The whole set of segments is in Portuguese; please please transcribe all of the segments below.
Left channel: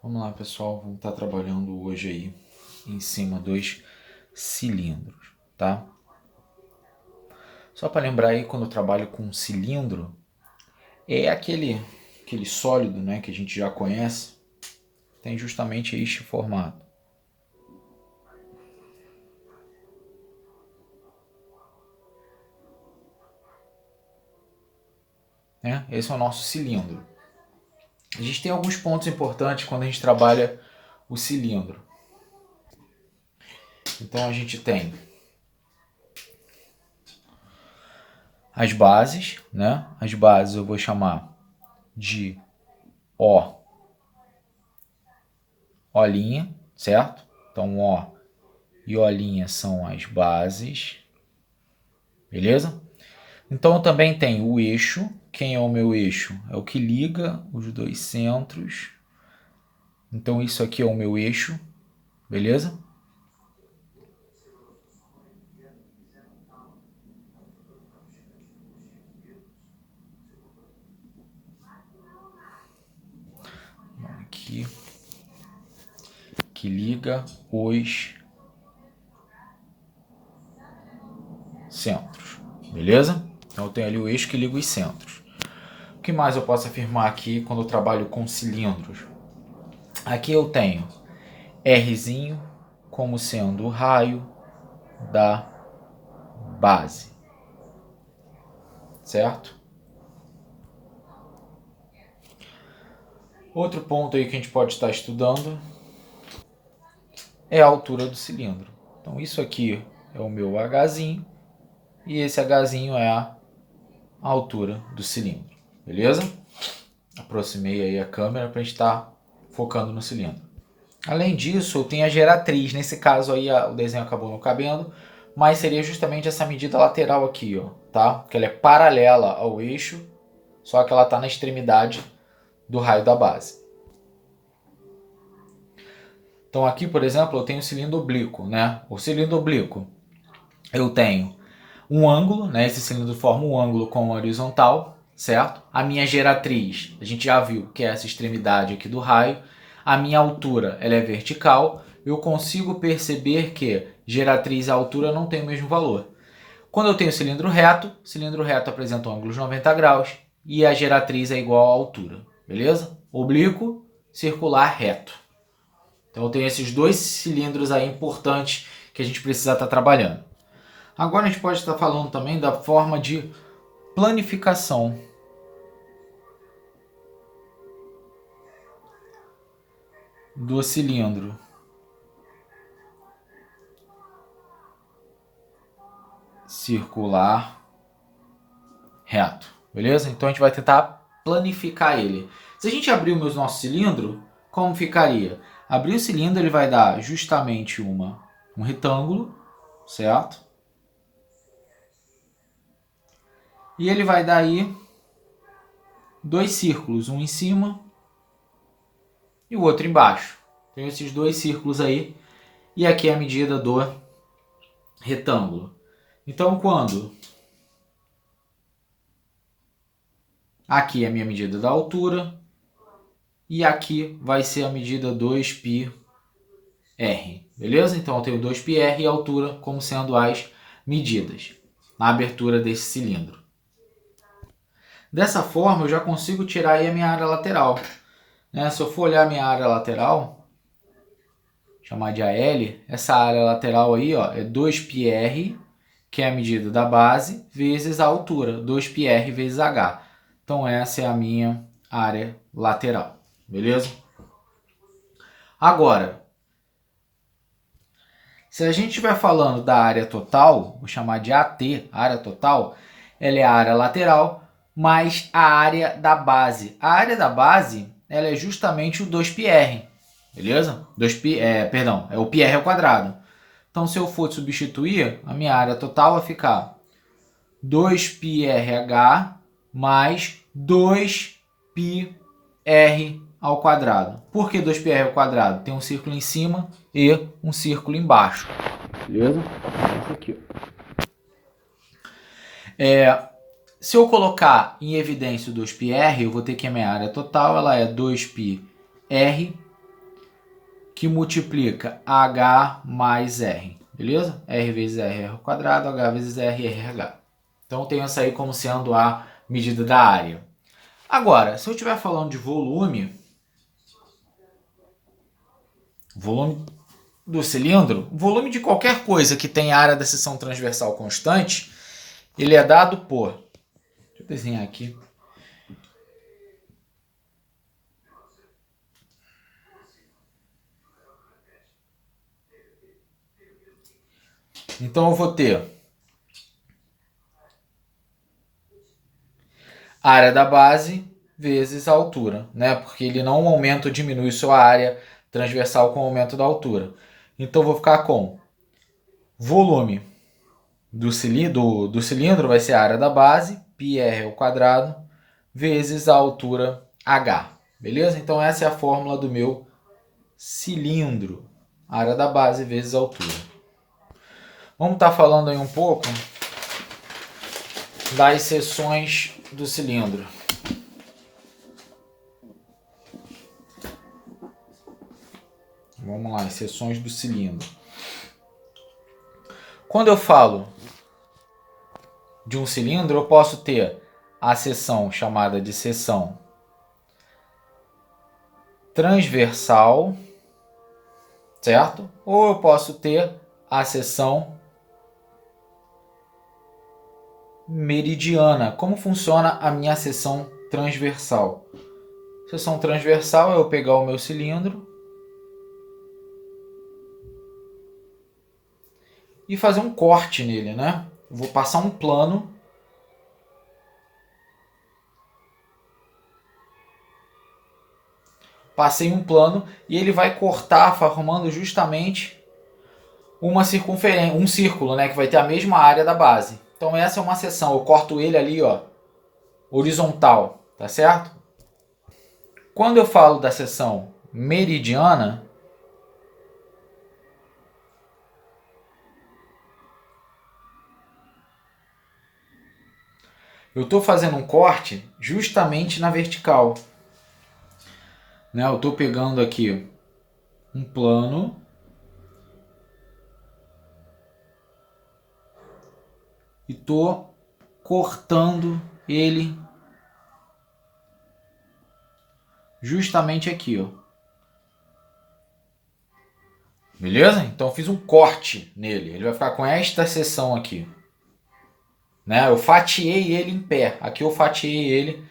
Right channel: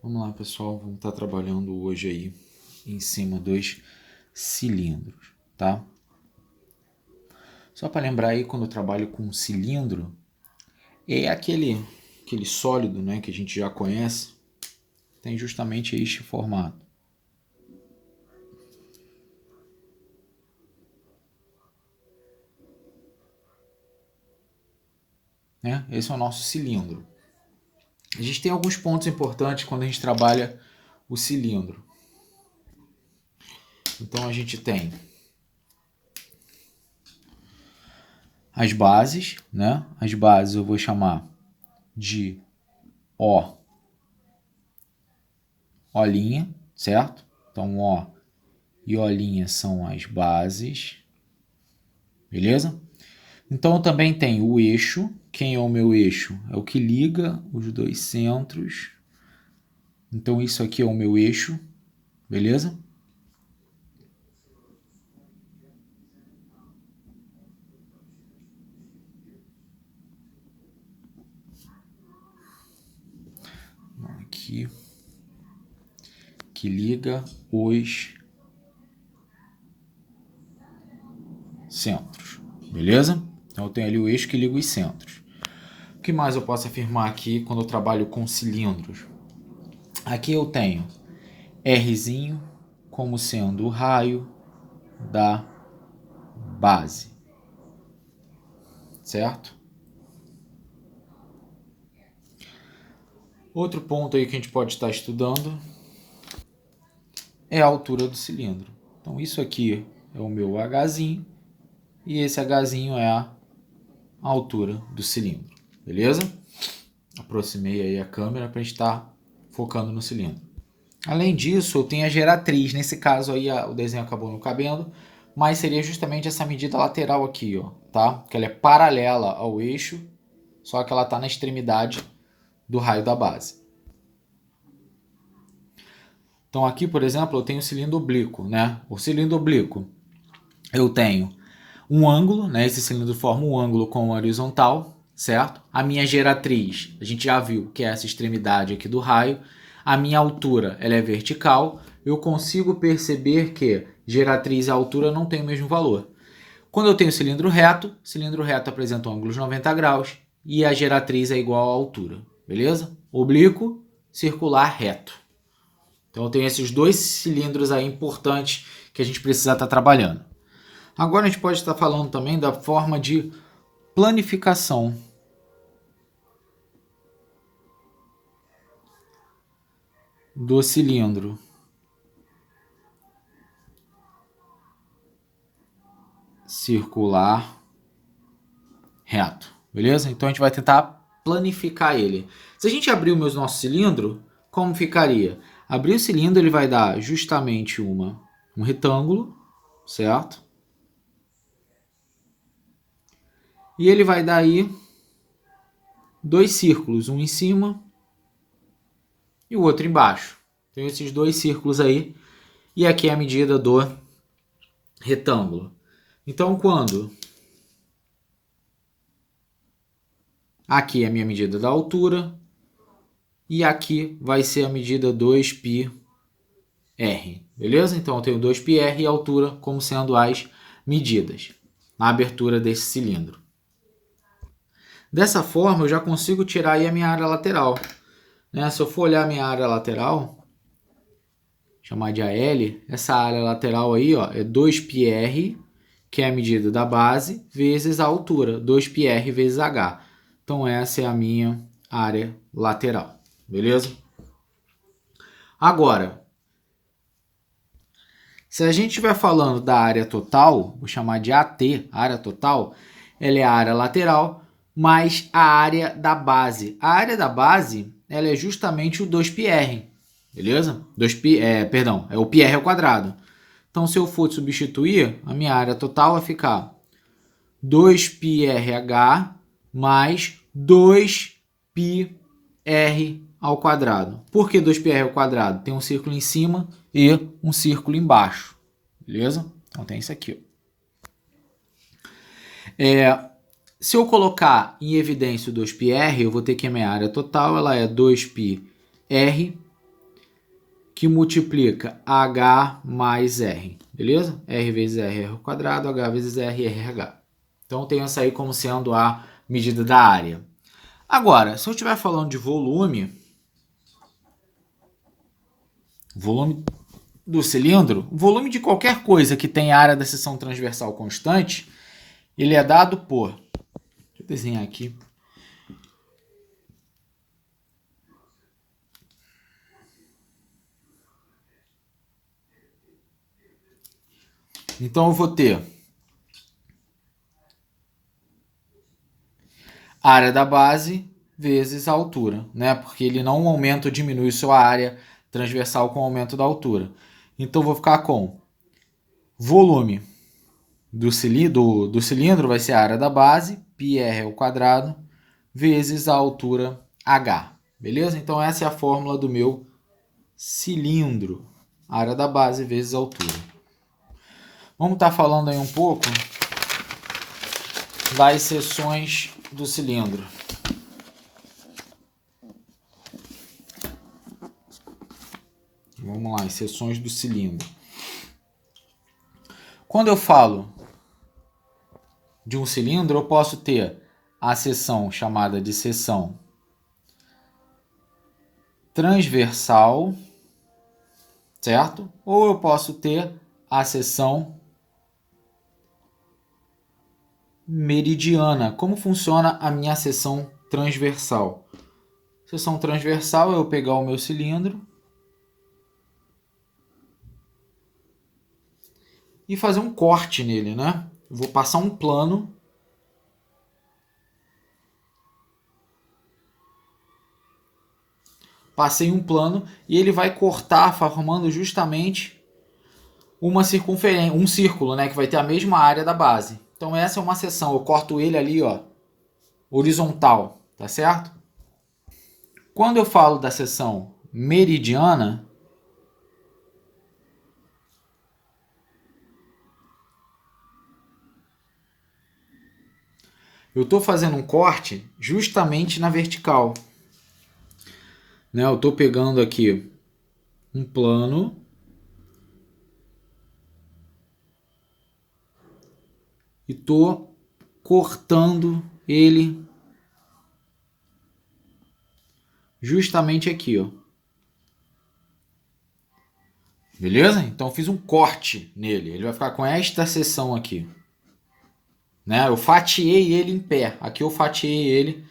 Vamos lá, pessoal, vamos estar trabalhando hoje aí em cima dos cilindros, tá? Só para lembrar aí, quando eu trabalho com cilindro, é aquele sólido, né, que a gente já conhece, tem justamente este formato. Né? Esse é o nosso cilindro. A gente tem alguns pontos importantes quando a gente trabalha o cilindro. Então a gente tem as bases, né? As bases eu vou chamar de O, O'linha, certo? Então O e O'linha são as bases, beleza? Então eu também tenho o eixo. Quem é o meu eixo? É o que liga os dois centros. Então isso aqui é o meu eixo, beleza? Aqui que liga os centros, beleza? Então eu tenho ali o eixo que liga os centros. O que mais eu posso afirmar aqui quando eu trabalho com cilindros? Aqui eu tenho Rzinho como sendo o raio da base, certo? Outro ponto aí que a gente pode estar estudando é a altura do cilindro. Então isso aqui é o meu Hzinho e esse Hzinho é a altura do cilindro, beleza? Aproximei aí a câmera para a gente estar focando no cilindro. Além disso, eu tenho a geratriz. Nesse caso aí o desenho acabou não cabendo, mas seria justamente essa medida lateral aqui, ó, tá? Que ela é paralela ao eixo, só que ela está na extremidade do raio da base. Então aqui, por exemplo, eu tenho o cilindro oblíquo, né? O cilindro oblíquo, eu tenho um ângulo, né? Esse cilindro forma um ângulo com horizontal, certo? A minha geratriz, a gente já viu que é essa extremidade aqui do raio. A minha altura, ela é vertical. Eu consigo perceber que geratriz e altura não têm o mesmo valor. Quando eu tenho cilindro reto apresenta um ângulo de 90 graus e a geratriz é igual à altura, beleza? Oblíquo, circular, reto. Então eu tenho esses dois cilindros aí importantes que a gente precisa estar trabalhando. Agora a gente pode estar falando também da forma de planificação do cilindro circular reto, beleza? Então a gente vai tentar planificar ele. Se a gente abrir o nosso cilindro, como ficaria? Abrir o cilindro ele vai dar justamente um retângulo, certo? E ele vai dar aí dois círculos, um em cima e o outro embaixo. Tem esses dois círculos aí e aqui é a medida do retângulo. Então quando aqui é a minha medida da altura e aqui vai ser a medida 2πr, beleza? Então eu tenho 2πr e a altura como sendo as medidas na abertura desse cilindro. Dessa forma eu já consigo tirar aí a minha área lateral. Né? Se eu for olhar a minha área lateral, chamar de AL, essa área lateral aí ó, é 2πr, que é a medida da base, vezes a altura, 2πr vezes h. Então essa é a minha área lateral, beleza? Agora, se a gente estiver falando da área total, vou chamar de AT, área total, ela é a área lateral mais a área da base. A área da base ela é justamente o 2πr, beleza? É o πr ao quadrado. Então, se eu for substituir, a minha área total vai ficar 2πrh mais 2πr ao quadrado. Por que 2πr ao quadrado? Tem um círculo em cima e um círculo embaixo, beleza? Então tem isso aqui. Se eu colocar em evidência o 2πr, eu vou ter que a minha área total ela é 2πr que multiplica H mais R, beleza? R vezes R, R ao quadrado, H vezes R, RH. Então, eu tenho essa aí como sendo a medida da área. Agora, se eu estiver falando de volume do cilindro, volume de qualquer coisa que tenha área da seção transversal constante, ele é dado por... Deixa eu desenhar aqui. Então, eu vou ter a área da base vezes a altura, né? Porque ele não aumenta ou diminui sua área transversal com o aumento da altura. Então, eu vou ficar com volume do cilindro vai ser a área da base, πr ao quadrado, vezes a altura h. Beleza? Então, essa é a fórmula do meu cilindro. Área da base vezes a altura. Vamos estar falando aí um pouco das seções do cilindro. Vamos lá, as seções do cilindro. Quando eu falo de um cilindro, eu posso ter a seção chamada de seção transversal, certo? Ou eu posso ter a seção meridiana. Como funciona a minha seção transversal? Seção transversal é eu pegar o meu cilindro e fazer um corte nele, né? Vou passar um plano passei um plano e ele vai cortar, formando justamente uma circunferência, um círculo, né, que vai ter a mesma área da base. Então essa é uma seção, eu corto ele ali, ó, horizontal, tá certo? Quando eu falo da seção meridiana, eu estou fazendo um corte justamente na vertical. Né? Eu estou pegando aqui um plano e estou cortando ele justamente aqui, ó. Beleza? Então eu fiz um corte nele. Ele vai ficar com esta seção aqui. Né? Eu fatiei ele em pé. Aqui eu fatiei ele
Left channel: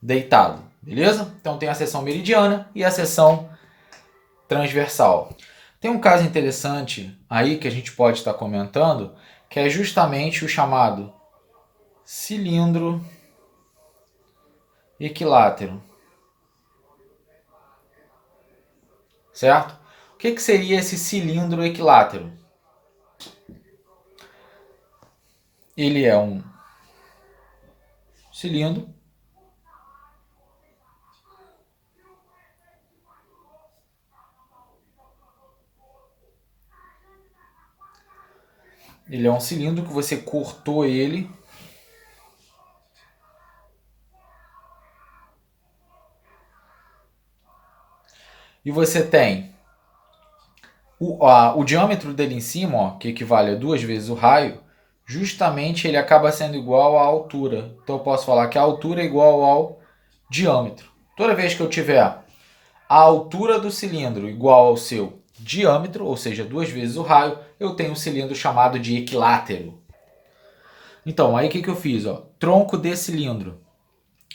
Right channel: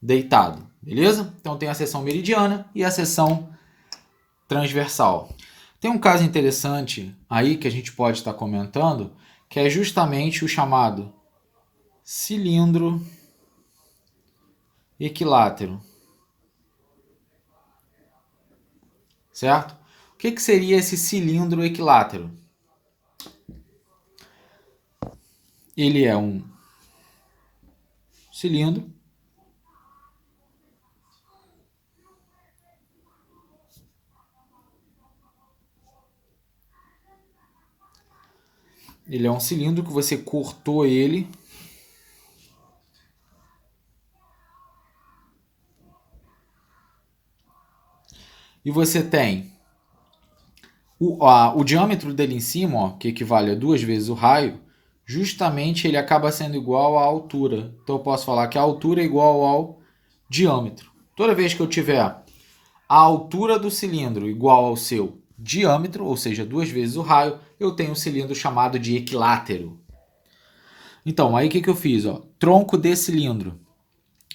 deitado. Beleza? Então tem a seção meridiana e a seção transversal. Tem um caso interessante aí que a gente pode estar comentando, que é justamente o chamado cilindro equilátero. Certo? O que seria esse cilindro equilátero? Ele é um cilindro que você cortou ele e você tem o diâmetro dele em cima, ó, que equivale a 2 vezes o raio, justamente ele acaba sendo igual à altura. Então eu posso falar que a altura é igual ao diâmetro. Toda vez que eu tiver a altura do cilindro igual ao seu diâmetro, ou seja, 2 vezes o raio, eu tenho um cilindro chamado de equilátero. Então, aí o que eu fiz? Ó? Tronco de cilindro.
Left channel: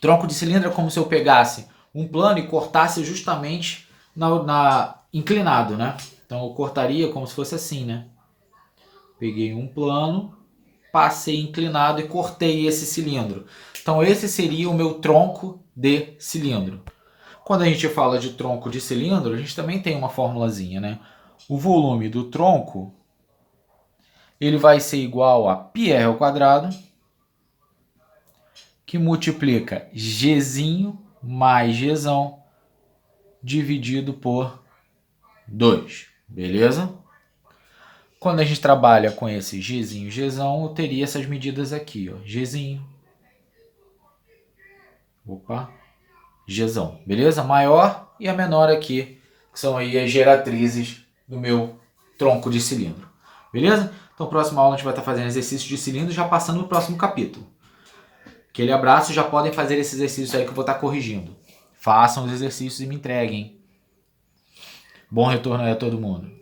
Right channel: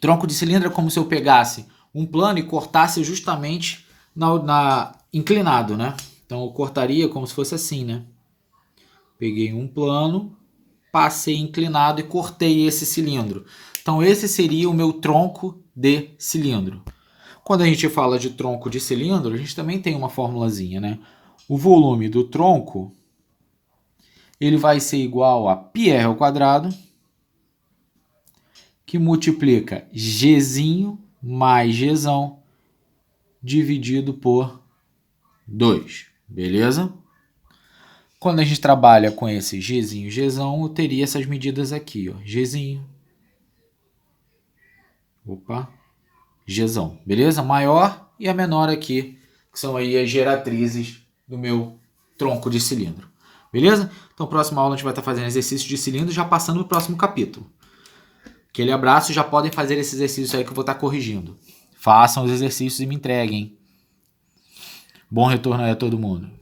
Tronco de cilindro é como se eu pegasse um plano e cortasse justamente inclinado, né? Então eu cortaria como se fosse assim, né? Peguei um plano, passei inclinado e cortei esse cilindro. Então esse seria o meu tronco de cilindro. Quando a gente fala de tronco de cilindro, a gente também tem uma formulazinha, né? O volume do tronco ele vai ser igual a πr ao quadrado, que multiplica Gzinho mais Gzão dividido por 2. Beleza? Quando a gente trabalha com esse Gzinho, Gzão, eu teria essas medidas aqui, ó. Gzinho. Opa. Gzão. Beleza? Maior e a menor aqui que são aí as geratrizes do meu tronco de cilindro. Beleza? Então, próxima aula a gente vai estar fazendo exercício de cilindro, já passando no próximo capítulo. Aquele abraço, já podem fazer esses exercícios aí que eu vou estar corrigindo. Façam os exercícios e me entreguem. Bom retorno aí a todo mundo.